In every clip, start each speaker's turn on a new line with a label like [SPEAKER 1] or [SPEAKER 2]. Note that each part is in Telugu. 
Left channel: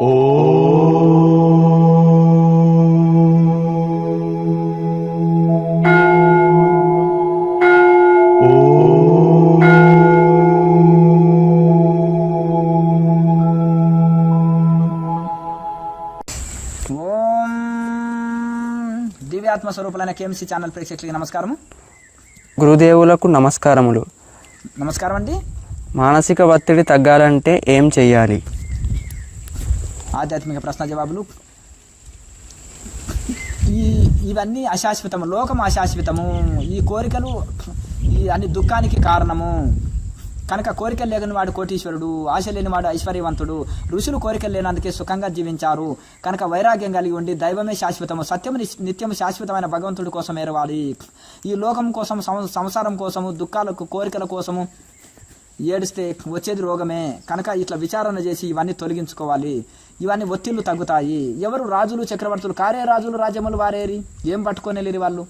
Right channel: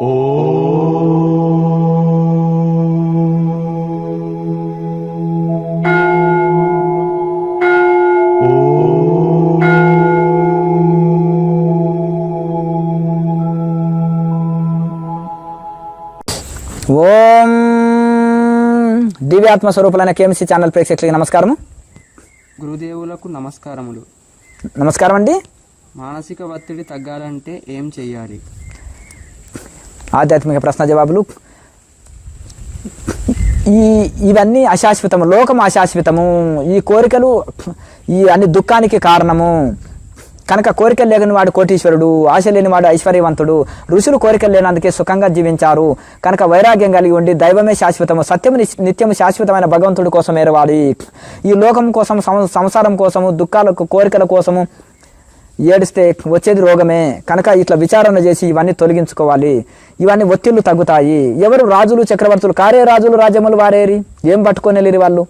[SPEAKER 1] ఓం. దివ్యాత్మ స్వరూపులైన కేఎంసీ ఛానల్ ప్రేక్షకులకి నమస్కారం
[SPEAKER 2] గురుదేవులకు నమస్కారములు.
[SPEAKER 1] నమస్కారం అండి
[SPEAKER 2] మానసిక ఒత్తిడి తగ్గాలంటే ఏం చెయ్యాలి?
[SPEAKER 1] ఆధ్యాత్మిక ప్రశ్న జవాబులు. ఈ ఇవన్నీ అశాశ్వతము లోకం అశాశ్వతము. ఈ కోరికలు ఈ అన్ని దుఃఖానికి కారణము. కనుక కోరికలు లేని వాడు కోటీశ్వరుడు ఆశ లేని వాడు ఐశ్వర్యవంతుడు. ఋషులు కోరికలు లేనందుకే సుఖంగా జీవించారు. కనుక వైరాగ్యం కలిగి ఉండి దైవమే శాశ్వతము సత్యము నిత్యము శాశ్వతమైన భగవంతుడి కోసం ఏరవాలి. ఈ లోకం కోసం సం- సంసారం కోసము దుఃఖాలకు కోరికల కోసము ఏడిస్తే వచ్చేది రోగమే. కనుక ఇట్లా విచారణ చేసి ఇవన్నీ తొలగించుకోవాలి. ఇవన్నీ ఒత్తిళ్ళు తగ్గుతాయి. ఎవరు రాజులు చక్రవర్తులు? కారే రాజులు రాజ్యములు వారేరి? ఏం పట్టుకొని వెళ్ళిరి వాళ్ళు?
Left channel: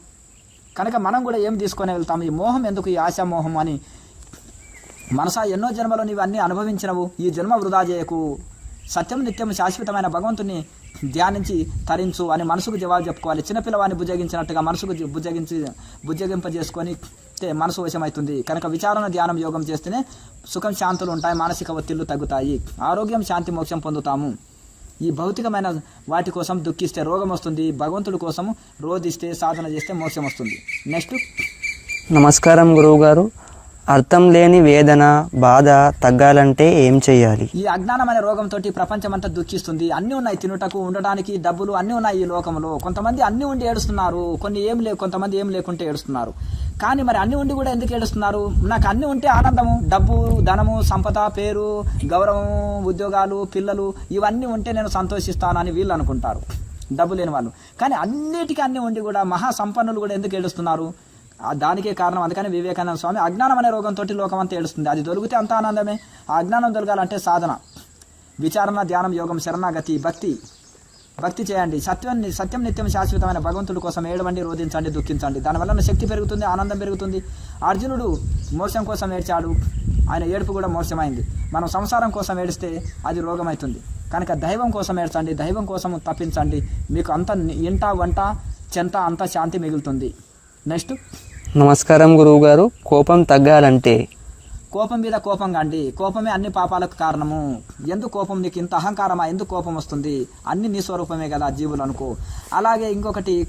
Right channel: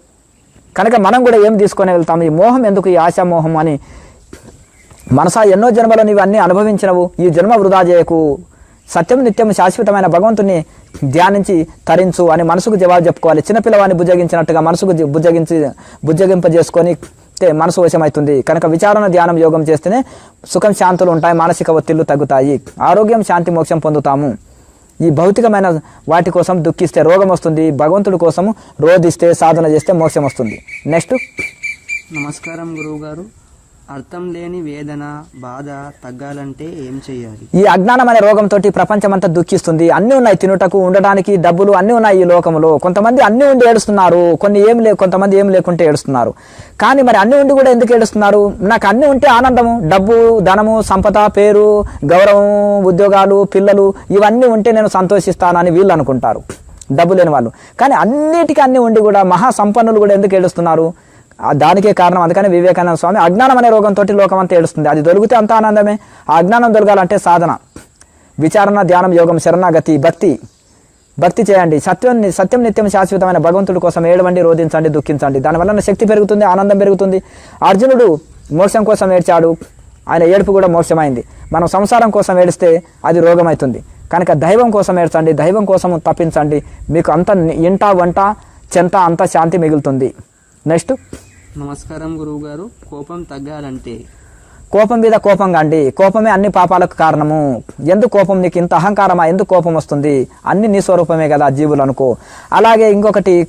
[SPEAKER 1] కనుక మనం కూడా ఏం తీసుకొని వెళ్తాం? ఈ మోహం ఎందుకు? ఈ ఆశామోహం అని. మనసా ఎన్నో జన్మలో నీవు అనుభవించినవు. ఈ జన్మ వృధా చేయకు. సత్యం నిత్యం శాశ్వతమైన భగవంతుని ధ్యానించి తరించు అని మనసుకు జవాబు చెప్పుకోవాలి. చిన్నపిల్లవాడిని బుజ్జగించినట్టుగా మనసుకు బుజ్జగించి బుజ్జగింపజేసుకొని మనసు వశమవుతుంది కనుక విచారణ ధ్యానం యోగం చేస్తేనే సుఖం శాంతులు ఉంటాయి మానసిక ఒత్తిళ్ళు తగ్గుతాయి. ఆరోగ్యం శాంతి మోక్షం పొందుతాము. ఈ భౌతికమైన వాటి కోసం దుఃఖిస్తే రోగం వస్తుంది. భగవంతుడి కోసము రోధిస్తే సాధన చేస్తే మోక్షం వస్తుంది. నెక్స్ట్.
[SPEAKER 2] నమస్కారం గురువుగారు. అర్థం లేని వేదన బాధ తగ్గాలంటే ఏం చేయాలి
[SPEAKER 1] ఈ అజ్ఞానం అనే రోగంతో ప్రపంచమంతా దుఃఖిస్తుంది. అన్ని ఉన్నాయి తినుటకు ఉండడానికి డబ్బులు అన్ని ఉన్నాయి ఈ లోకంలో. కొంతమంది అన్ని ఉండి ఏడుస్తున్నారు. కొన్ని ఏం లే కొంతమంది ఏం లేకుంటే ఏడుస్తున్నారు. కానీ మరి అన్ని ఉండి కూడా ఎందుకు ఏడుస్తున్నారు? నాకు అన్ని ఉంటే ఆనందము డబ్బు ధనము సంపద పేరు గౌరవం ఉద్యోగాలు పిల్లలు ఇవన్నీ ఉంటే నేను సంతోషిస్తానని వీళ్ళు అనుకుంటారు. డబ్బు లేని వాళ్ళు. కానీ అన్నిటికీ అన్ని ఉండి కూడా మహా సంపన్నులు కూడా ఎందుకు ఏడుస్తున్నారు? దానికే కారణం. అందుకని వివేకానంద స్వామి అజ్ఞానం అనే రోగంతో లోకం అంతా ఏడుస్తుంది. అది దొరికితే అంత ఆనందమే. ఆ అజ్ఞానం దొరకాలంటే సాధన. విచారణ ధ్యానం యోగం శరణాగతి భక్తి. భక్తి చేయండి. సత్యం సత్యం నిత్యం శాశ్వతమైన భగవంతుడి కోసం ఏడవండి రోధించండి దుఃఖించండి. దానివల్ల శక్తి పెరుగుతుంది ఆనందం పెరుగుతుంది. అర్జునుడు మోక్షం కోసం ఏడ్చాడు. ఆయన ఏడుపు కూడా మోక్షమైంది. మనం సంసారం కోసం ఏడిస్తే అది రోగమవుతుంది కనుక దైవం కోసం ఏడ్చండి దైవం కోసం తప్పించండి. మీకు అంత ఇంట వంట చెంత అంత శాంతి మిగులుతుంది. నెక్స్ట్.
[SPEAKER 2] నమస్కారం గురువుగారు. కోపం తగ్గాలంటే?
[SPEAKER 1] కోపం మీద కోపం కాండి కోపమే అన్ని పాపాలకు కారణము. ఎందుకు కోపం? నీకు ఇంత అహంకారమా? ఎందుకు కోపం వస్తుంది? అన్ని నీ స్వరూపమే కదా జీవులు అనుకో. అలాగే ఇంకొకటి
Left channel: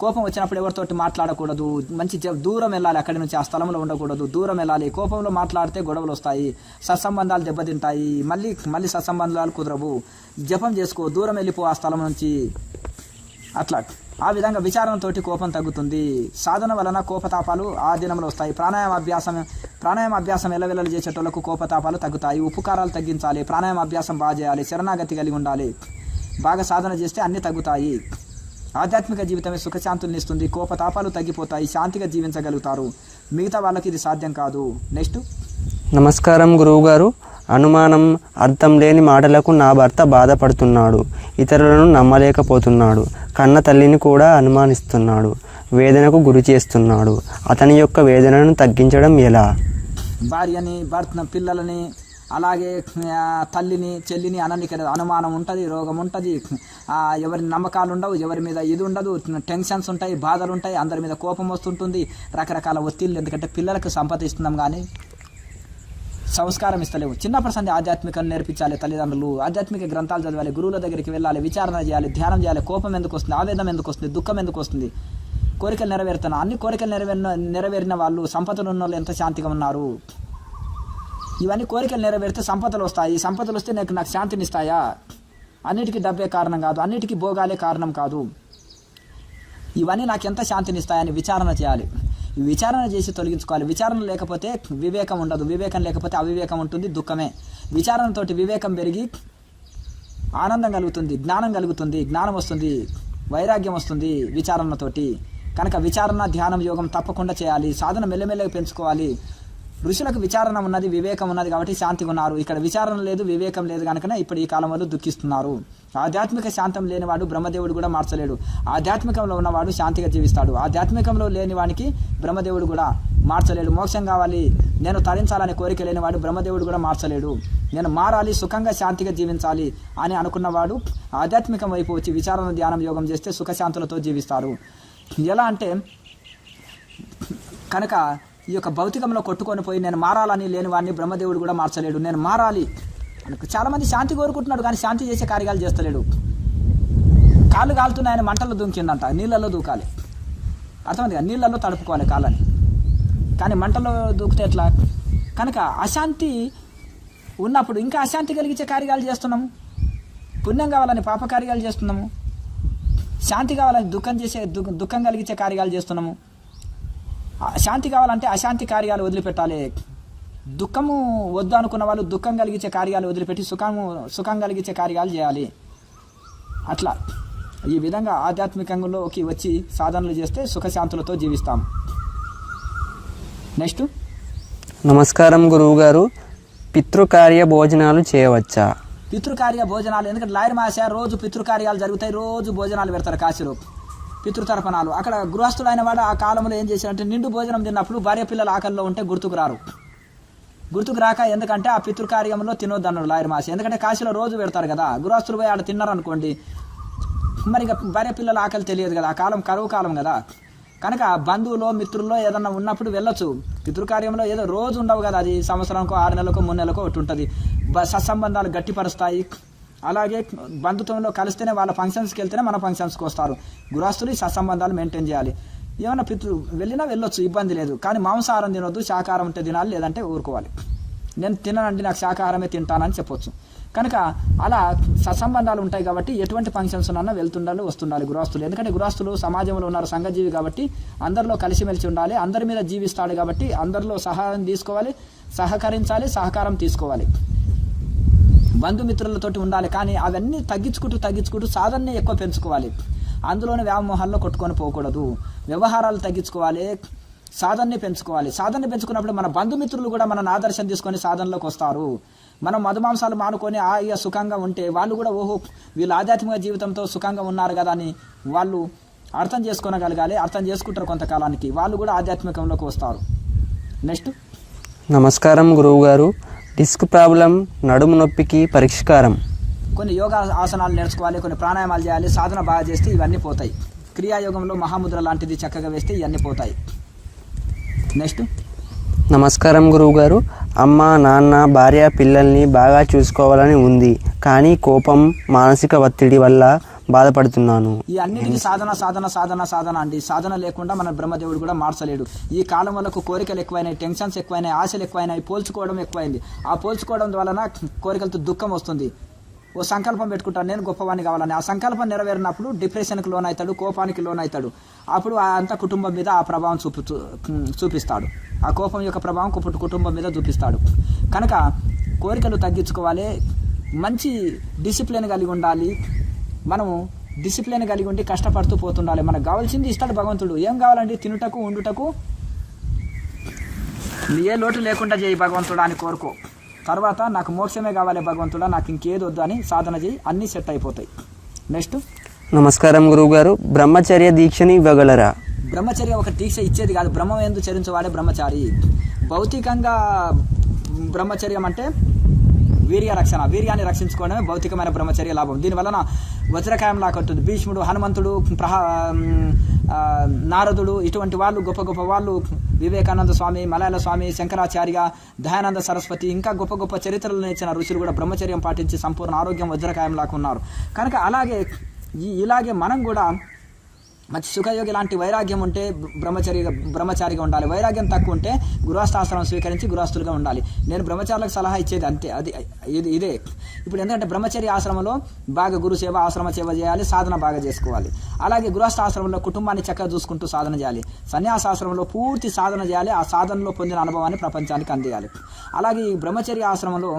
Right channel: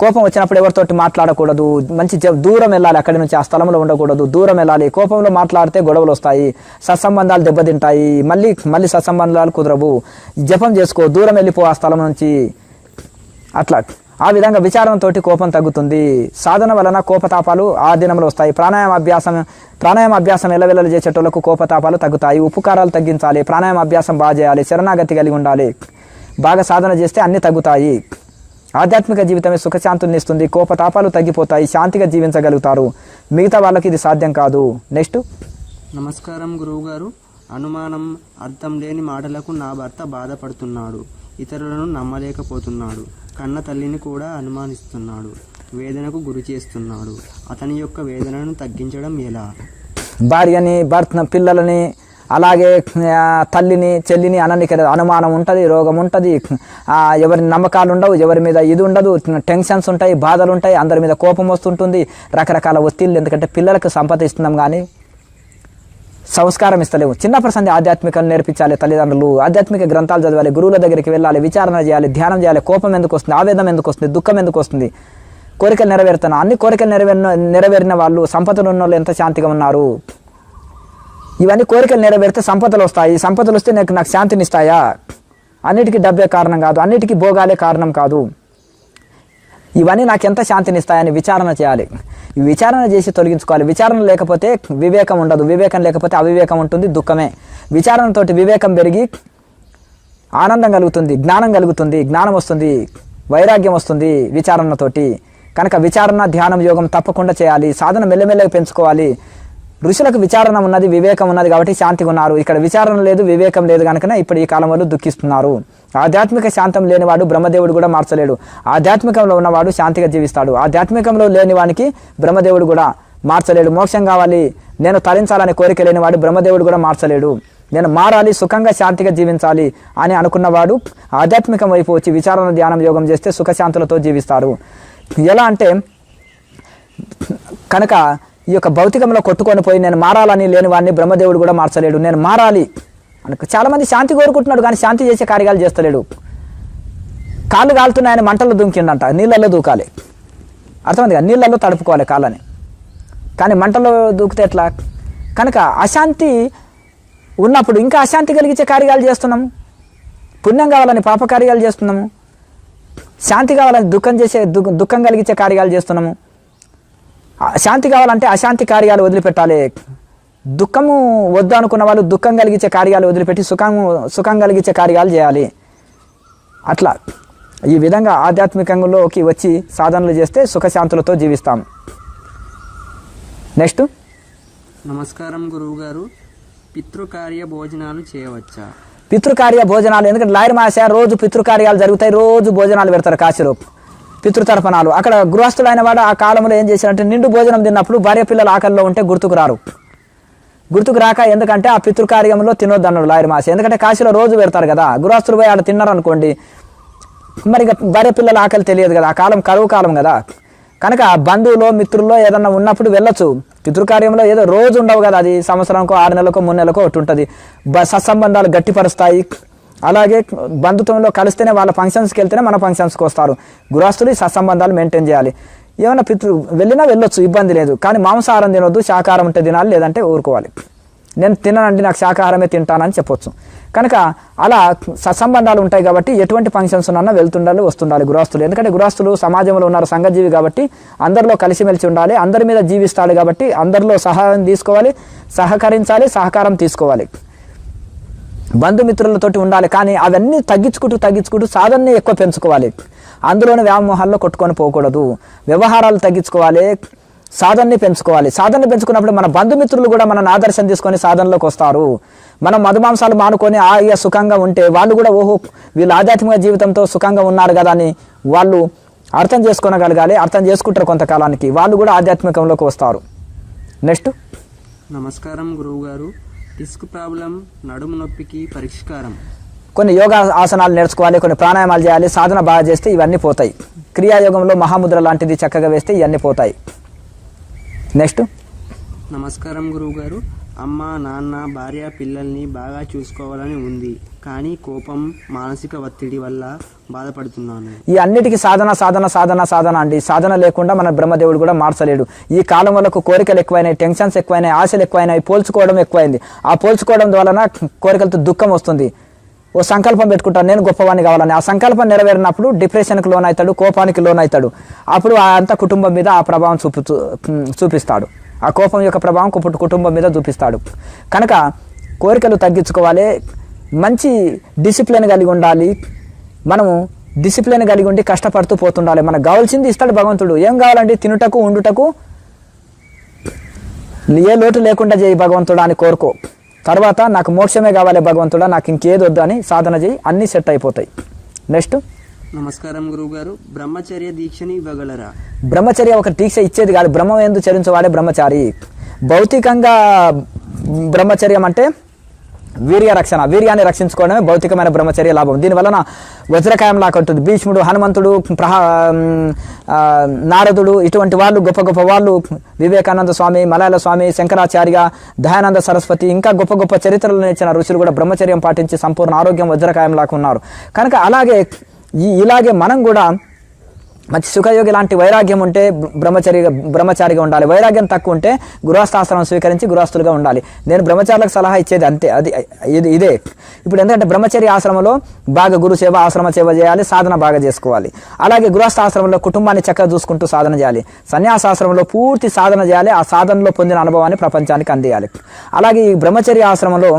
[SPEAKER 1] కోపం వచ్చినప్పుడు ఎవరితోటి మాట్లాడకూడదు. మంచి జ- దూరం వెళ్ళాలి అక్కడి నుంచి ఆ స్థలంలో ఉండకూడదు. దూరం వెళ్ళాలి. కోపంలో మాట్లాడితే గొడవలు వస్తాయి. సత్సంబంధాలు దెబ్బతింటాయి. మళ్ళీ మళ్ళీ సత్సంబంధాలు కుదరవు. జపం చేసుకో. దూరం వెళ్ళిపో ఆ స్థలం నుంచి. అట్లా. ఆ విధంగా విచారంతో కోపం తగ్గుతుంది. సాధన వలన కోపతాపాలు ఆ దినంలో వస్తాయి. ప్రాణాయామ అభ్యాసం ప్రాణాయామ అభ్యాసం ఎల్లవెల్లలు చేసేటోళ్ళకు కోపతాపాలు తగ్గుతాయి. ఉపకారాలు తగ్గించాలి. ప్రాణాయామ అభ్యాసం బాగా చేయాలి. శరణాగతి కలిగి ఉండాలి. బాగా సాధన చేస్తే అన్నీ తగ్గుతాయి. ఆధ్యాత్మిక జీవితమే సుఖశాంతుల్ని ఇస్తుంది. కోపతాపాలు తగ్గిపోతాయి. శాంతిగా జీవించగలుగుతారు. మిగతా వాళ్ళకి ఇది సాధ్యం కాదు. నెక్స్ట్.
[SPEAKER 2] నమస్కారం గురువుగారు. అనుమానం అర్థం లేని మాటలకు నా భర్త బాధపడుతున్నాడు. ఇతరులను నమ్మలేకపోతున్నాడు. కన్న తల్లిని కూడా అనుమానిస్తున్నాడు. వేదనకు గురి చేస్తున్నాడు. అతని యొక్క వేదనను తగ్గించడం ఎలా?
[SPEAKER 1] భార్యని భర్త పిల్లలని అలాగే తల్లిని చెల్లిని అననికి అనుమానం ఉంటుంది రోగం ఉంటుంది. ఎవరి నమ్మకాలు ఉండవు ఎవరి మీద ఇది ఉండదు టెన్షన్స్ ఉంటాయి బాధలు ఉంటాయి అందరి మీద కోపం వస్తుంటుంది రకరకాల ఒత్తిళ్ళు. ఎందుకంటే పిల్లలకు సంపద ఇస్తున్నాం కానీ సంస్కారం ఇస్తలేవు. చిన్నప్పటి సంది ఆధ్యాత్మికం నేర్పించాలి తల్లిదండ్రులు. ఆధ్యాత్మిక గ్రంథాలు చదవాలి గురువుల దగ్గరికి వెళ్ళాలి విచారణ చేయాలి ధ్యానం చేయాలి. కోపం ఎందుకు వస్తుంది? ఆవేదన ఎందుకు వస్తుంది? దుఃఖం ఎందుకు వస్తుంది? కోరికలు నెరవేరుతున్నా. అన్ని కోరికలు నెరవేరిన నెరవేరిన వాళ్ళు సంపదలు ఉన్న వాళ్ళు ఎంత శాంతిగా ఉన్నారు? ఇవన్నీ కోరికలు నెరవేరితే సంపదలు వస్తాయి. సంపదలు వస్తే నాకు నాకు శాంతినిస్తాయా అన్నిటికీ డబ్బే కారణం కాదు. అన్నిటికీ భోగాలే కారణం కాదు. ఇవన్నీ నాకు ఎంత శాంతినిస్తాయని విచారణ చేయాలి. విచారణ చేసి తొలగించుకోవాలి. విచారణ లేకపోతే వివేకం ఉండదు. వివేకం లేకపోతే అవివేకం ఉంటుంది దుఃఖమే. విచారణతోటి వివేకం పెరిగి ఆనందం కలుగుతుంది జ్ఞానం కలుగుతుంది జ్ఞానం వస్తుంది వైరాగ్యం వస్తుంది విచారణతోటి కనుక విచారణ ధ్యానం యోగం తప్పకుండా చేయాలి. సాధన మెల్లమెల్లగా పెంచుకోవాలి. ఋషులకు విచారణ ఉన్నది వివేకం ఉన్నది కాబట్టి శాంతిగా ఉన్నారు. ఇక్కడ విచారణ లేదు వివేకం లేదు కనుక ఇప్పుడు ఈ కాలం వాళ్ళు దుఃఖిస్తున్నారు. ఆధ్యాత్మిక శాంతం లేనివాడు బ్రహ్మదేవుడు కూడా మార్చలేడు. ఆధ్యాత్మికంలో ఉన్నవాడు శాంతిగా జీవిస్తాడు. ఆధ్యాత్మికంలో లేని వానికి బ్రహ్మదేవుడు కూడా మార్చలేడు. మోక్షం కావాలి. నేను తరించాలనే కోరిక లేనివాడు బ్రహ్మదేవుడు కూడా మార్చలేడు. నేను మారాలి సుఖంగా శాంతిగా జీవించాలి అని అనుకున్నవాడు ఆధ్యాత్మికం వైపు వచ్చి విచారణ ధ్యానం యోగం చేస్తే సుఖశాంతులతో జీవిస్తాడు. ఎలా అంటే కనుక ఈ యొక్క భౌతికంలో కొట్టుకొని పోయి నేను మారాలని లేని వాడిని బ్రహ్మదేవుడు కూడా మార్చలేడు. నేను మారాలి చాలామంది శాంతి కోరుకుంటున్నాడు కానీ శాంతి చేసే కార్యాలు చేస్తలేడు. కాళ్ళు కాలుతున్నాయని మంటల్లో దుంకిండంట నీళ్ళల్లో దూకాలి. అర్థమైంది కదా నీళ్ళల్లో తడుపుకోవాలి కాళ్ళని. కానీ మంటల్లో దూకితే ఎట్లా? కనుక అశాంతి ఉన్నప్పుడు ఇంకా అశాంతి కలిగించే కార్యాలు చేస్తున్నాము పుణ్యం కావాలని పాప కార్యాలు చేస్తున్నాము. శాంతి కావాలని దుఃఖం చేసే దు- దుఃఖం కలిగించే కార్యాలు చేస్తున్నాము. శాంతి కావాలంటే అశాంతి కార్యాలు వదిలిపెట్టాలి. దుఃఖము వద్దు అనుకున్న వాళ్ళు దుఃఖం కలిగించే కార్యాలు వదిలిపెట్టి సుఖం సుఖం కలిగించే కార్యాలు చేయాలి. అట్లా ఈ విధంగా ఆధ్యాత్మికంలోకి వచ్చి సాధనలు చేస్తే సుఖశాంతులతో జీవిస్తాం. నెక్స్ట్.
[SPEAKER 2] నమస్కారం గురువుగారు. పితృకార్య భోజనాలు చేయవచ్చా?
[SPEAKER 1] పితృకార్య భోజనాలు ఎందుకంటే లాయర్ మాస రోజు పితృకార్యాలు జరుగుతాయి రోజు భోజనాలు పెడతారు కాశీలో. పితృతర్పణాలు. అక్కడ గృహస్థుడైన వాడు ఆ కాలంలో ఏం చేశారంటే నిండు భోజనం తిన్నప్పుడు భార్య పిల్లల ఆకలిలో ఉంటే గుర్తుకు రారు. గుర్తుకు రాక ఎందుకంటే ఆ పితృకార్యంలో తినొద్దు అన్నాడు లాయర్ మాసి ఎందుకంటే కాశీలో రోజు పెడతారు కదా. గృహస్థులు పోయి ఆడ తిన్నారనుకోండి మరి ఇక భార్య పిల్లల ఆకలి తెలియదు కదా. ఆ కాలం కరువు కాలం కదా. కనుక బంధువులో మిత్రుల్లో ఏదన్నా ఉన్నప్పుడు వెళ్ళొచ్చు. పితృకార్యంలో ఏదో రోజు ఉండవు కదా. అది సంవత్సరానికో ఆరు నెలలకో మూడు నెలలకో ఒకటి ఉంటుంది సత్సంబంధాలు గట్టిపరుస్తాయి. అలాగే బంధుత్వంలో కలిస్తేనే వాళ్ళ ఫంక్షన్స్కి వెళ్తేనే మన ఫంక్షన్స్కి వస్తారు. గృహస్థులు ఈ సత్సంబంధాలు మెయింటైన్ చేయాలి. ఏమైనా పితృ వెళ్ళినా వెళ్ళొచ్చు ఇబ్బంది లేదు. కానీ మాంసాహారం తినొద్దు శాకాహారం ఉంటే తినాలి లేదంటే ఊరుకోవాలి. నేను తిననండి నాకు శాకాహారమే తింటానని చెప్పొచ్చు. కనుక అలా సత్సంబంధాలు ఉంటాయి కాబట్టి ఎటువంటి ఫంక్షన్స్ ఉన్నా వెళ్తుండాలి వస్తుండాలి గృహస్థులు ఎందుకంటే గృహస్థులు సమాజంలో ఉన్నారు సంఘజీవి కాబట్టి అందరిలో కలిసిమెలిసి ఉండాలి అందరి మీద జీవిస్తాడు కాబట్టి అందరిలో సహాయం తీసుకోవాలి సహకరించాలి సహకారం తీసుకోవాలి. బంధుమిత్రులతోటి ఉండాలి కానీ అవన్నీ తగ్గించుకుంటూ తగ్గించుకుంటూ సాధనని ఎక్కువ పెంచుకోవాలి. అందులోని వ్యామోహాల్లో కొట్టుకొని పోకూడదు. వ్యవహారాలు తగ్గించుకోవాలి సాధనని పెంచుకోవాలి. సాధనని పెంచుకున్నప్పుడు మన బంధుమిత్రులు కూడా మన ఆదర్శం తీసుకొని సాధనలోకి వస్తారు. మనం మధుమాంసాలు మానుకొని ఆయ సుఖంగా ఉంటే వాళ్ళు కూడా ఓహో వీళ్ళు ఆధ్యాత్మిక జీవితంతో సుఖంగా ఉన్నారు కదా అని వాళ్ళు అర్థం చేసుకోనగలగాలి అర్థం చేసుకుంటారు కొంతకాలానికి. వాళ్ళు కూడా ఆధ్యాత్మికంలోకి వస్తారు. నెక్స్ట్.
[SPEAKER 2] నమస్కారం గురువు గారు డిస్క్ ప్రాబ్లం నడుము నొప్పికి పరిష్కారం.
[SPEAKER 1] కొన్ని యోగా ఆసనాలు నేర్చుకోవాలి కొన్ని ప్రాణాయామాలు చేయాలి సాధన బాగా చేస్తే ఇవన్నీ పోతాయి. క్రియాయోగంలో మహాముద్ర లాంటిది చక్కగా వేస్తే ఇవన్నీ పోతాయి. నెక్స్ట్
[SPEAKER 2] నమస్కారం గురువుగారు. అమ్మ నాన్న భార్య పిల్లల్ని బాగా చూసుకోవాలని ఉంది. కానీ కోపం మానసిక ఒత్తిడి వల్ల బాధపడుతున్నాను.
[SPEAKER 1] ఈ అన్నిటికీ సాధన సాధన సాధన సాధన అండి. సాధన లేకుండా మన బ్రహ్మదేవుడు కూడా మార్చలేడు. ఈ కాలం వరకు కోరికలు ఎక్కువైనాయి టెన్షన్స్ ఎక్కువైనాయి ఆశలు ఎక్కువైనాయి పోల్చుకోవడం ఎక్కువైంది. ఆ పోల్చుకోవడం ద్వారా కోరికలతో దుఃఖం వస్తుంది. ఓ సంకల్పం పెట్టుకుంటాను నేను గొప్పవాడిని కావాలని. ఆ సంకల్పం నెరవేరినప్పుడు డిప్రెషన్కి లోన్ అవుతాడు కోపానికి లోన్ అవుతాడు అప్పుడు ఆ అంత కుటుంబం మీద ఆ ప్రభావం చూపు చూపిస్తాడు. ఆ కోపం యొక్క ప్రభావం కుపు- కుటుంబం మీద చూపిస్తాడు. కనుక కోరికలు తగ్గించుకోవాలి మంచి డిసిప్లిన్ కలిగి ఉండాలి మనము డిసిప్లిన్ కలిగి ఉండి కష్టపడుతూ పోతుండాలి. మనకు కావాల్సింది ఇస్తాడు భగవంతుడు. ఏం కావాలండి తినుటకు ఉండుటకు ఏ లోటు లేకుండా చేయి భగవంతుడా అని కోరుకో. తర్వాత నాకు మోక్షమే కావాలి భగవంతుడా నాకు ఇంకేది వద్దు అని సాధన చేయి. అన్నీ సెట్ అయిపోతాయి. నెక్స్ట్
[SPEAKER 2] నమస్కారం గురువుగారు. బ్రహ్మచర్య దీక్షని ఇవ్వగలరా?
[SPEAKER 1] బ్రహ్మచర్య ఒక దీక్ష ఇచ్చేది కాదు. బ్రహ్మం ఎందు చరించేవాడే బ్రహ్మచారి. భౌతికంగా బ్రహ్మచర్యం అంటే వీర్య రక్షణ వీర్యాన్ని రక్షించుకోవడమే భౌతికమైన బ్రహ్మచర్య లాభం. దీనివలన వజ్రకాయం లాగా ఉంటుంది భీష్ముడు హనుమంతుడు ప్రహా నారదుడు ఇటువంటి వాళ్ళు గొప్ప గొప్ప వాళ్ళు వివేకానంద స్వామి మలయాళ స్వామి శంకరాచార్య దయానంద సరస్వతి ఇంకా గొప్ప గొప్ప చరిత్రలను ఇచ్చిన ఋషులు కూడా బ్రహ్మచర్యం పాటించి సంపూర్ణ ఆరోగ్యం వజ్రకాయం లాగా ఉన్నారు. కనుక అలాగే ఈ ఇలాగే మనం కూడా మంచి సుఖయోగి లాంటి వైరాగ్యం ఉంటే బ్రహ్మచరి బ్రహ్మచారిగా ఉండాలి. వైరాగ్యం తక్కువ ఉంటే గృహస్థాశ్రమం స్వీకరించి గృహస్థులుగా ఉండాలి. నేను బ్రహ్మచారులకు సలహా ఇచ్చేది అంతే. అది ఇది ఇదే. ఇప్పుడు ఎందుకంటే బ్రహ్మచర్య ఆశ్రమంలో బాగా గురు సేవ ఆశ్రమ సేవ చేయాలి సాధన బాగా చేసుకోవాలి. అలాగే గృహస్థాశ్రమంలో కుటుంబాన్ని చక్కగా చూసుకుంటూ సాధన చేయాలి. సన్యాసాశ్రమంలో పూర్తి సాధన చేయాలి. ఆ సాధనలో పొందిన అనుభవాన్ని ప్రపంచానికి అందియాలి. అలాగే ఈ బ్రహ్మచర్య ఆశ్రమంలో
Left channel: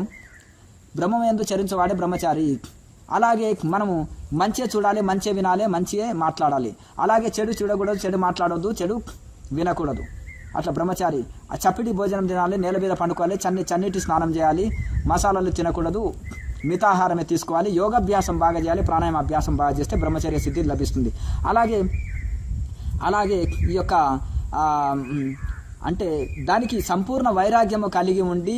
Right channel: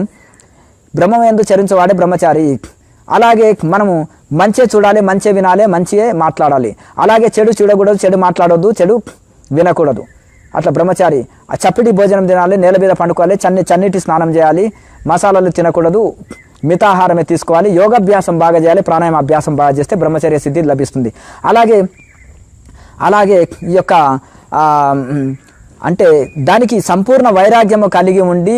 [SPEAKER 1] బ్రహ్మం ఎందు చరించేవాడే బ్రహ్మచారి. అలాగే మనము మంచే చూడాలి మంచే వినాలి మంచియే మాట్లాడాలి. అలాగే చెడు చూడకూడదు చెడు మాట్లాడొద్దు చెడు వినకూడదు. అట్లా బ్రహ్మచారి ఆ చప్పటి భోజనం తినాలి నేల మీద పండుకోవాలి చన్ని చన్నీటి స్నానం చేయాలి మసాలాలు తినకూడదు మితాహారమే తీసుకోవాలి యోగాభ్యాసం బాగా చేయాలి ప్రాణాయామ అభ్యాసం బాగా చేస్తే బ్రహ్మచర్య సిద్ధి లభిస్తుంది. అలాగే అలాగే ఈ యొక్క అంటే దానికి సంపూర్ణ వైరాగ్యము కలిగి ఉండి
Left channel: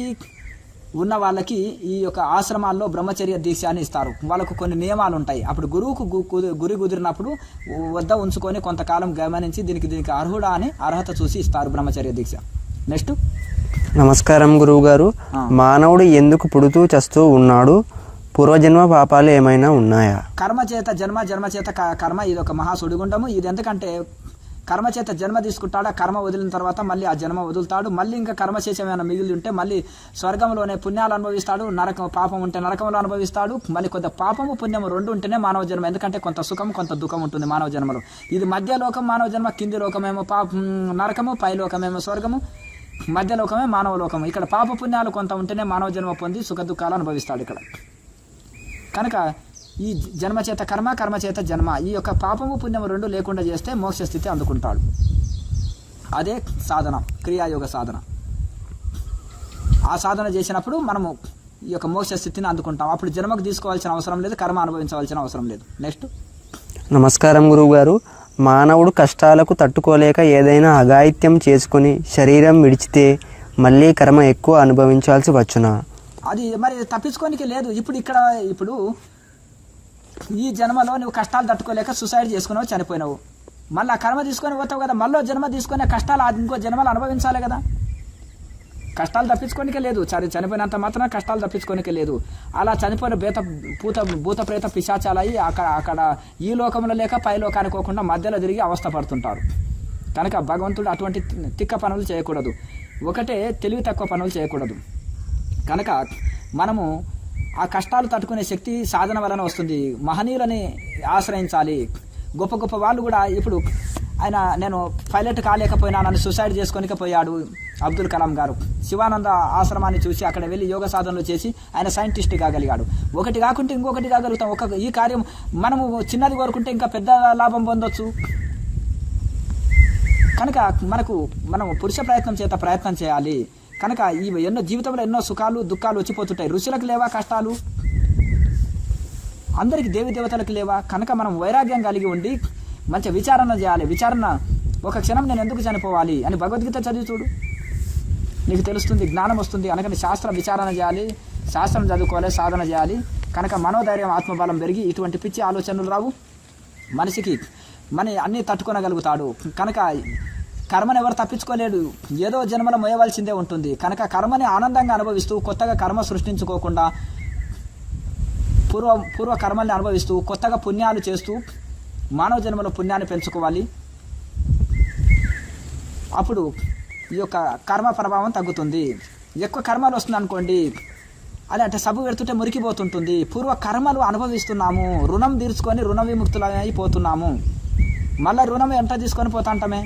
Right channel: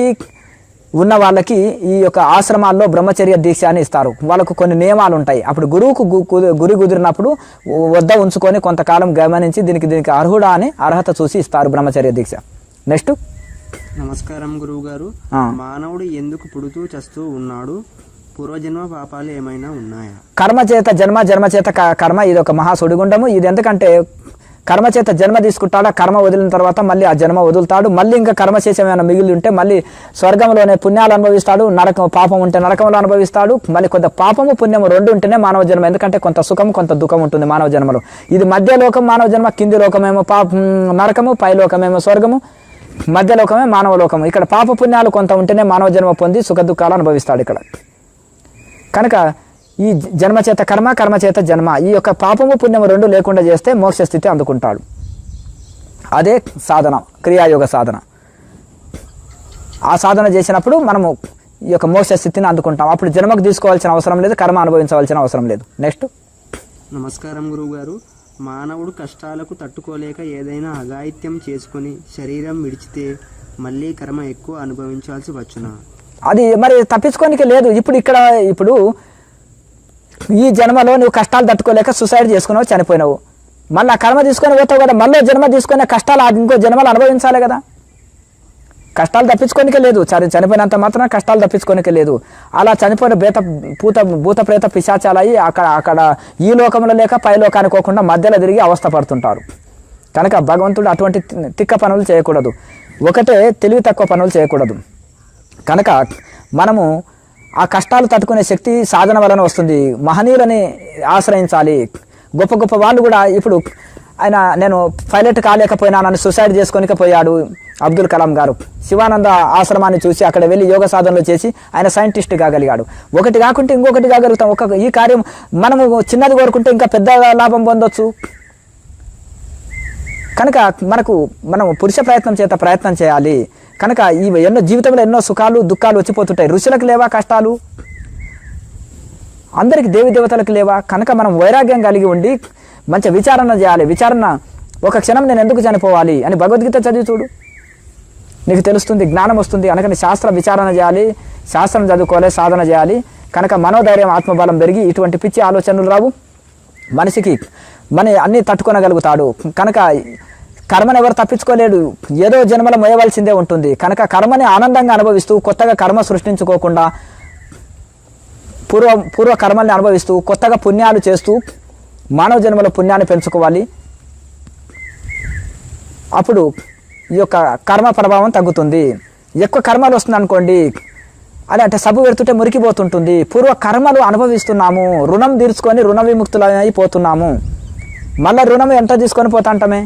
[SPEAKER 1] ఉన్న వాళ్ళకి ఈ యొక్క ఆశ్రమాల్లో బ్రహ్మచర్య దీక్ష అని ఇస్తారు. వాళ్ళకు కొన్ని నియమాలు ఉంటాయి అప్పుడు గురువుకు గురి కుదిరినప్పుడు వద్ద ఉంచుకొని కొంతకాలం గమనించి దీనికి దీనికి అర్హుడా అని అర్హత చూసి ఇస్తారు బ్రహ్మచర్య దీక్ష. నెక్స్ట్.
[SPEAKER 2] నమస్కారం గురువుగారు
[SPEAKER 1] ఆ.
[SPEAKER 2] మానవుడు ఎందుకు పుడుతూ చస్తూ ఉన్నాడు? పూర్వజన్మ పాపాలు ఏమైనా ఉన్నాయా?
[SPEAKER 1] కర్మ చేత జన్మ జన్మ చేత కర్మ ఇది ఒక మహా సుడిగుండము. ఇది ఎందుకంటే కర్మ చేత జన్మ తీసుకుంటాడు? ఆ కర్మ వదిలిన తర్వాత మళ్ళీ ఆ జన్మ వదులుతాడు. మళ్ళీ ఇంకా కర్మ చేసేమైనా మిగిలి ఉంటే మళ్ళీ స్వర్గంలోనే పుణ్యాలు అనుభవిస్తాడు. నరకం పాపం ఉంటే నరకంలో అనుభవిస్తాడు. మళ్ళీ కొంత పాపము పుణ్యము రెండు ఉంటేనే మానవ జన్మ. ఎందుకంటే కొంత సుఖం కొంత దుఃఖం ఉంటుంది మానవ జన్మలో. ఇది మధ్య లోకం మానవ జన్మ. కింది లోకమేమో పాపం నరకము పై లోకమేమో స్వర్గము. మధ్య లోకమే మానవ లోకము. ఇక్కడ పాప పుణ్యాలు కొంత ఉంటేనే మానవ జన్మ పొంది సుఖ దుఃఖాలు అనుభవిస్తాడు ఇక్కడ. కనుక ఈ జన్మ చేత కర్మ కర్మ చేత జన్మ. ఈ యొక్క పాపము పుణ్యము రెండు లేకుండా చేస్తే మోక్ష స్థితి అందుకుంటాడు. అదే సాధన క్రియాయోగ సాధన. ఆ సాధన చేసినప్పుడు మనము ఈ యొక్క మోక్ష స్థితిని అందుకుంటాం. అప్పుడు జన్మకు తీసుకోవాల్సిన అవసరం లేదు కర్మ అనుభవించవలసిన అవసరం లేదు. నెక్స్ట్
[SPEAKER 2] నమస్కారం గురువుగారు. మానవుడు కష్టాలకు తట్టుకోలేక ఏదైనా అఘాయిత్యం చేసుకొని శరీరం విడిచితే మళ్ళీ కర్మ ఎక్కువ అనుభవించాల్సి వచ్చునా?
[SPEAKER 1] అది మరి తప్పించుకోనికి లేదు. ఇప్పుడు ఇక్కడ ఇప్పుడు ఈ జన్మలో నువ్వు కష్టాలు తట్టుకోలేక సుసైడ్ చేసుకున్నావు చనిపోయినావు. మళ్ళీ ఆ కర్మ తీసుకొని పోతావు కదా మళ్ళీ జన్మ తీసుకునే కష్టాలు ఇంకో జన్మలు అనుభవించాలి కదా. కష్టాలు తప్పించుకోనికే లేదు చని చనిపోయినంత మాత్రం కష్టాలు తప్పించుకోనికే లేదు. అలా చనిపోయిన బేత పూత భూత ప్రేత పిశాచాలయ్యి అక్కడ అక్కడ ఈ లోకంలో లేక పై లోకానికి పోకుండా మధ్యలో తిరిగి అవస్థ పడుతుంటారు. కనుక భగవంతుడు అటువంటి తిక్క పనులు చేయకూడదు. ఒకటే తెలివి తక్కువ పనులు చేయకూడదు. కనుక మనము ఆ కష్టాలు తట్టుకునే శక్తి సాధన వలన వస్తుంది. మహనీయులని ఆశ్రయించాలి. గొప్ప గొప్ప వాళ్ళు కూడా ఇప్పుడు ఆయన నేను పైలట్ కాలేకపోయినానని సూసైడ్ చేసుకోనిక పోయాడు అబ్దుల్ కలాం గారు. శివానంద ఆశ్రమాన్ని చూసి అక్కడ వెళ్ళి యోగ సాధనలు చేసి ఆయన సైంటిస్ట్ కాగలిగాడు ఒకటి కాకుంటే ఇంకొకటి కాగలుగుతాం. ఒక ఈ కార్యం మనము చిన్నది కోరుకుంటే ఇంకా పెద్ద లాభం పొందొచ్చు. కనుక మనకు మనం పురుష ప్రయత్నం చేత ప్రయత్నం చేయాలి. కనుక ఈ ఎన్నో జీవితంలో ఎన్నో సుఖాలు దుఃఖాలు వచ్చిపోతుంటాయి. ఋషులకు లేవా కష్టాలు? అందరికి దేవి దేవతలకు లేవా? కనుక మనం వైరాగ్యం కలిగి ఉండి మంచి విచారణ చేయాలి. విచారణ ఒక క్షణం నేను ఎందుకు చనిపోవాలి అని భగవద్గీత చదివి చూడు. నీకు తెలుస్తుంది జ్ఞానం వస్తుంది. అనకని శాస్త్ర విచారణ చేయాలి శాస్త్రం చదువుకోవాలి సాధన చేయాలి. కనుక మనోధైర్యం ఆత్మబలం పెరిగి ఇటువంటి పిచ్చి ఆలోచనలు రావు. మనిషికి మన అన్ని తట్టుకోనగలుగుతాడు. కనుక కర్మను ఎవరు తప్పించుకోలేడు. ఏదో జన్మల మోయవలసిందే ఉంటుంది. కనుక కర్మని ఆనందంగా అనుభవిస్తూ కొత్తగా కర్మ సృష్టించుకోకుండా పూర్వ పూర్వ కర్మల్ని అనుభవిస్తూ కొత్తగా పుణ్యాలు చేస్తూ మానవ జన్మల పుణ్యాన్ని పెంచుకోవాలి. అప్పుడు ఈ యొక్క కర్మ ప్రభావం తగ్గుతుంది. ఎక్కువ కర్మలు వస్తుంది అనుకోండి అదే అంటే సబ్బు పెడుతుంటే మురికిపోతుంటుంది. పూర్వ కర్మలు అనుభవిస్తున్నాము రుణం తీర్చుకొని రుణ విముక్తులై అయిపోతున్నాము మళ్ళీ రుణం ఎంత తీసుకొని పోతాంటమే?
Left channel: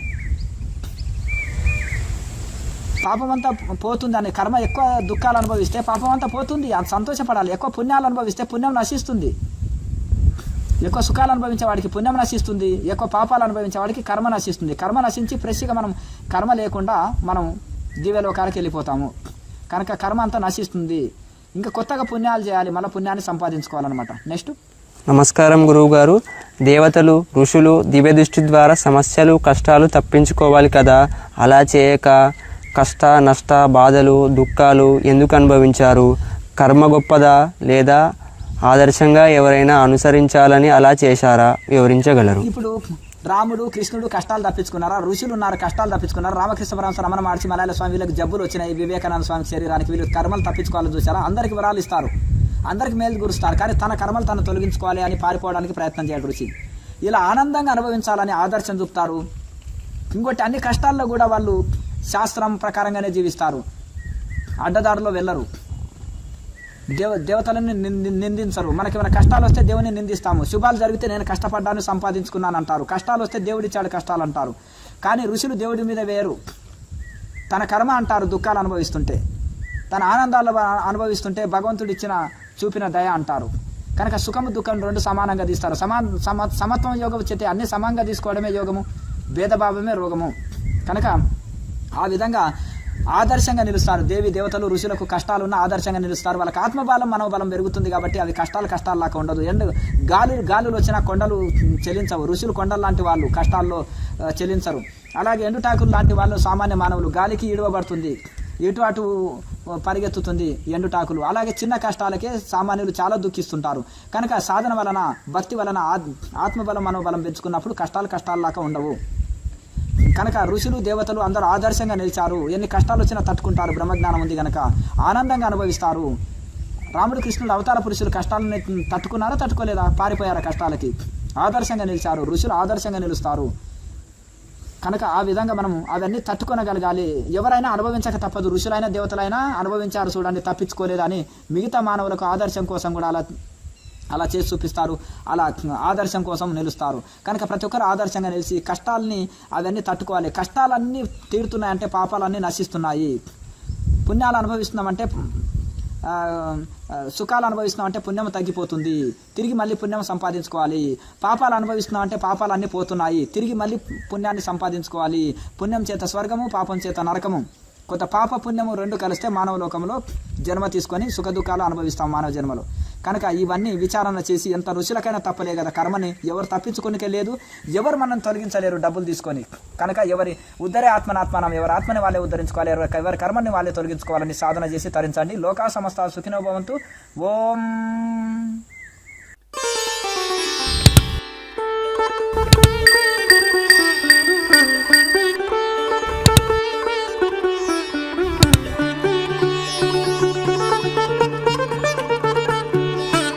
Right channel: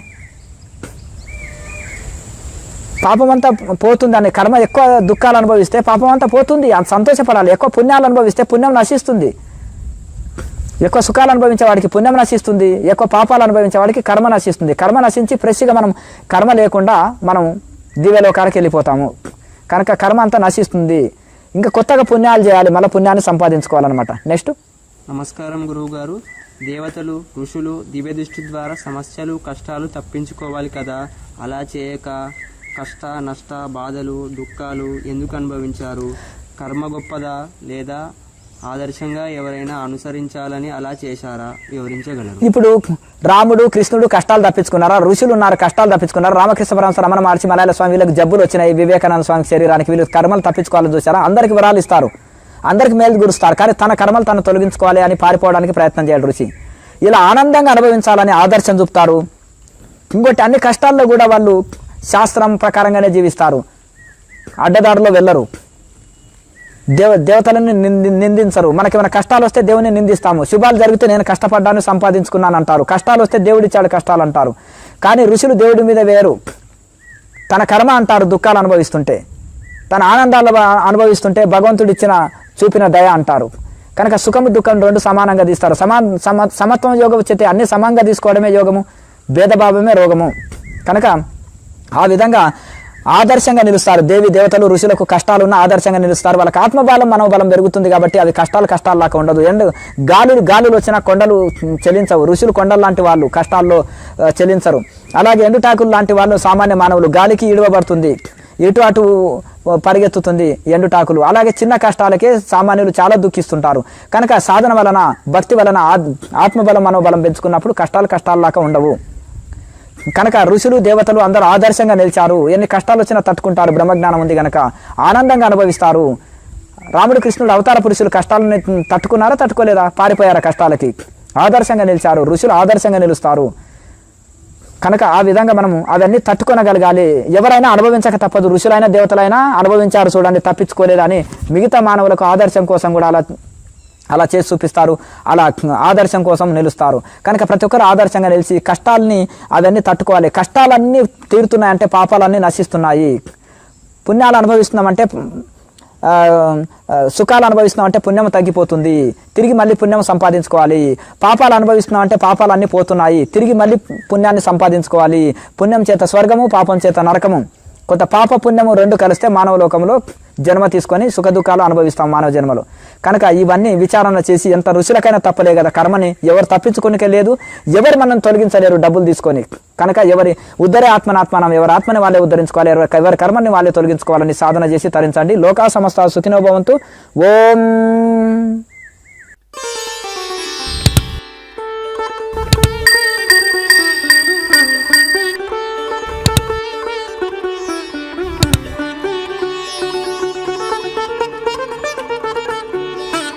[SPEAKER 1] పాపం అంతా పోతుంది అని కర్మ ఎక్కువ దుఃఖాలు అనుభవిస్తే పాపం అంతా పోతుంది అంత సంతోషపడాలి. ఎక్కువ పుణ్యాలు అనుభవిస్తే పుణ్యం నశిస్తుంది. ఎక్కువ సుఖాలు అనుభవించే వాడికి పుణ్యం నశిస్తుంది ఎక్కువ పాపాలు అనుభవించే వాడికి కర్మ నశిస్తుంది. కర్మ నశించి ఫ్రెష్గా మనం కర్మ లేకుండా మనం దివ్యలోకానికి వెళ్ళిపోతాము. కనుక కర్మ అంతా నశిస్తుంది. ఇంకా కొత్తగా పుణ్యాలు చేయాలి మళ్ళీ పుణ్యాన్ని సంపాదించుకోవాలన్నమాట. నెక్స్ట్.
[SPEAKER 2] నమస్కారం గురువుగారు. దేవతలు ఋషులు దివ్య దృష్టి ద్వారా సమస్యలు కష్టాలు తప్పించుకోవాలి కదా. అలా చేయక కష్ట నష్ట బాధలు దుఃఖాలు ఎందుకు అనుభవించారు? కర్మ గొప్పదా లేదా? ఆదర్శంగా ఎవరైనా అనుసరించాలని అలా చేశారా? వివరించగలరు.
[SPEAKER 1] ఇప్పుడు రాముడు కృష్ణుడు కష్టాలు తప్పించుకున్నారా? ఋషులు ఉన్నారు కష్టాలు తప్పించుకున్నారు? రామకృష్ణ పరమహంస రమణ మహర్షి మలయాళ స్వామి వీళ్ళకి జబ్బులు వచ్చినాయి. వివేకానంద స్వామి శరీరానికి వీళ్ళు కర్మలు తప్పించుకోవాలని చూసారా అందరికి వివరాలు ఇస్తారు. అందరికి మేలు గురుస్తారు కానీ తన కర్మలు తను తొలగించుకోవాలి అని పారిపోవడానికి ప్రయత్నం చేయడు ఋషి. ఇలా ఆనందంగా అనుభవించాలని ఆదర్శం చూపుతారు. ఇంకోటి అన్ని కష్టాల్లో కూడా వాళ్ళు శాస్త్రం ప్రకారంగానే జీవిస్తారు. అడ్డదారిలో వెళ్ళరు. దేవ దేవతలను నింది నిందించరు. మనకి ఏమైనా కష్టాలు వస్తే దేవుని నిందిస్తాము. శుభాలు జరిగితే నేను కష్టపడ్డాను సంపాదించుకున్నాను అంటారు కష్టాలు వస్తే దేవుడిచ్చాడు కష్టాలు అంటారు కానీ ఋషులు దేవుడి మీద వేరు తన కర్మ అంటారు దుఃఖాలు అనుభవిస్తుంటే. తన ఆనందాలు అనుభవిస్తుంటే భగవంతుడు ఇచ్చిన చూపిన దయ అంటారు. కనుక సుఖము దుఃఖం రెండు సమానంగా తీస్తారు. సమా సమ సమత్వం యోగం వచ్చేతే అన్ని సమంగా తీసుకోవడమే యోగము భేదభావమే రోగము. కనుక ఆ విధంగా ఆదర్శంగా నిలుస్తారు. దేవి దేవతలు ఋషులకు కష్టాలు ఉన్న ఆదర్శంగా నిలుస్తారు. వాళ్ళకి ఆత్మబలం మనోబలం పెరుగుతుంది కాబట్టి అది కష్టాలు కష్టాల్లాగా ఉండదు. ఎండ్ గాలులు గాలులు వచ్చిన కొండలు చెలించవు. ఋషులు కొండలు లాంటి వాళ్ళు కష్టాల్లో ఆ, చెలించరు. అలాగే ఎండుటాకులు లాంటి వాళ్ళు సామాన్య మానవులు గాలికి ఇడవబడుతుంది. ఇటు అటు పరిగెత్తుతుంది ఎండుటాకులు. అలాగే చిన్న కష్టాలకే సామాన్యులు చాలా దుఃఖిస్తుంటారు. కనుక సాధన వలన భక్తి వలన ఆత్- ఆత్మబలం మనోబలం పెంచుకున్నప్పుడు కష్టాలు కష్టాల్లాగా ఉండవు. కనుక ఋషులు దేవతలు అందరూ ఆదర్శంగా నిలిచారు. ఎన్ని కష్టాలు వచ్చినా తట్టుకుంటారు. బ్రహ్మజ్ఞానం ఉంది కనుక ఆనందంగా అనుభవిస్తారు. రాముడు కృష్ణుడు అవతార పురుషులు కష్టాలను తట్టుకున్నారా తట్టుకోలేదా? పారిపోయారా కష్టాలకి? ఆదర్శంగా నిలిచారు. ఋషులు ఆదర్శంగా నిలుస్తారు. కనుక ఆ విధంగా మనము అవన్నీ తట్టుకొనగలగాలి. ఎవరైనా అనుభవించక తప్పదు. ఋషులైన దేవతలైనా అనుభవించారు చూడండి తప్పించుకోలేదని మిగతా మానవులకు ఆదర్శం కోసం కూడా అలా అలా చేసి చూపిస్తారు. అలా ఆదర్శం కోసం నిలుస్తారు. కనుక ప్రతి ఒక్కరు ఆదర్శంగా నిలిచి కష్టాలని అవన్నీ తట్టుకోవాలి. కష్టాలన్నీ తీరుతున్నాయంటే పాపాలన్నీ నశిస్తున్నాయి. పుణ్యాలు అనుభవిస్తున్నామంటే సుఖాలు అనుభవిస్తున్నాం అంటే పుణ్యం తగ్గిపోతుంది. తిరిగి మళ్ళీ పుణ్యం సంపాదించుకోవాలి. పాపాలు అనుభవిస్తున్నాం అంటే పాపాలు అన్నీ పోతున్నాయి. తిరిగి మళ్ళీ పుణ్యాన్ని సంపాదించుకోవాలి. పుణ్యం చేత స్వర్గము పాపం చేత నరకము. కొంత పాప పుణ్యము రెండు కలిస్తే మానవ లోకంలో జన్మ తీసుకొని సుఖదుఖాలు అనుభవిస్తాం మానవ జన్మలో కనుక ఇవన్నీ విచారణ చేసి ఎంత రుచులకైనా తప్పలే కదా కర్మని ఎవరు తప్పించుకునికే లేదు ఎవరు మనం తొలగించలేరు డబ్బులు తీసుకొని. కనుక ఎవరి ఉద్ధరే ఆత్మనాత్మానం ఎవరి ఆత్మని వాళ్ళే ఉద్ధరించుకోవాలి ఎవరి ఎవరి కర్మని వాళ్ళే తొలగించుకోవాలని సాధన చేసి తరించండి. లోకా సమస్త సుఖినోభవంతు ఓం.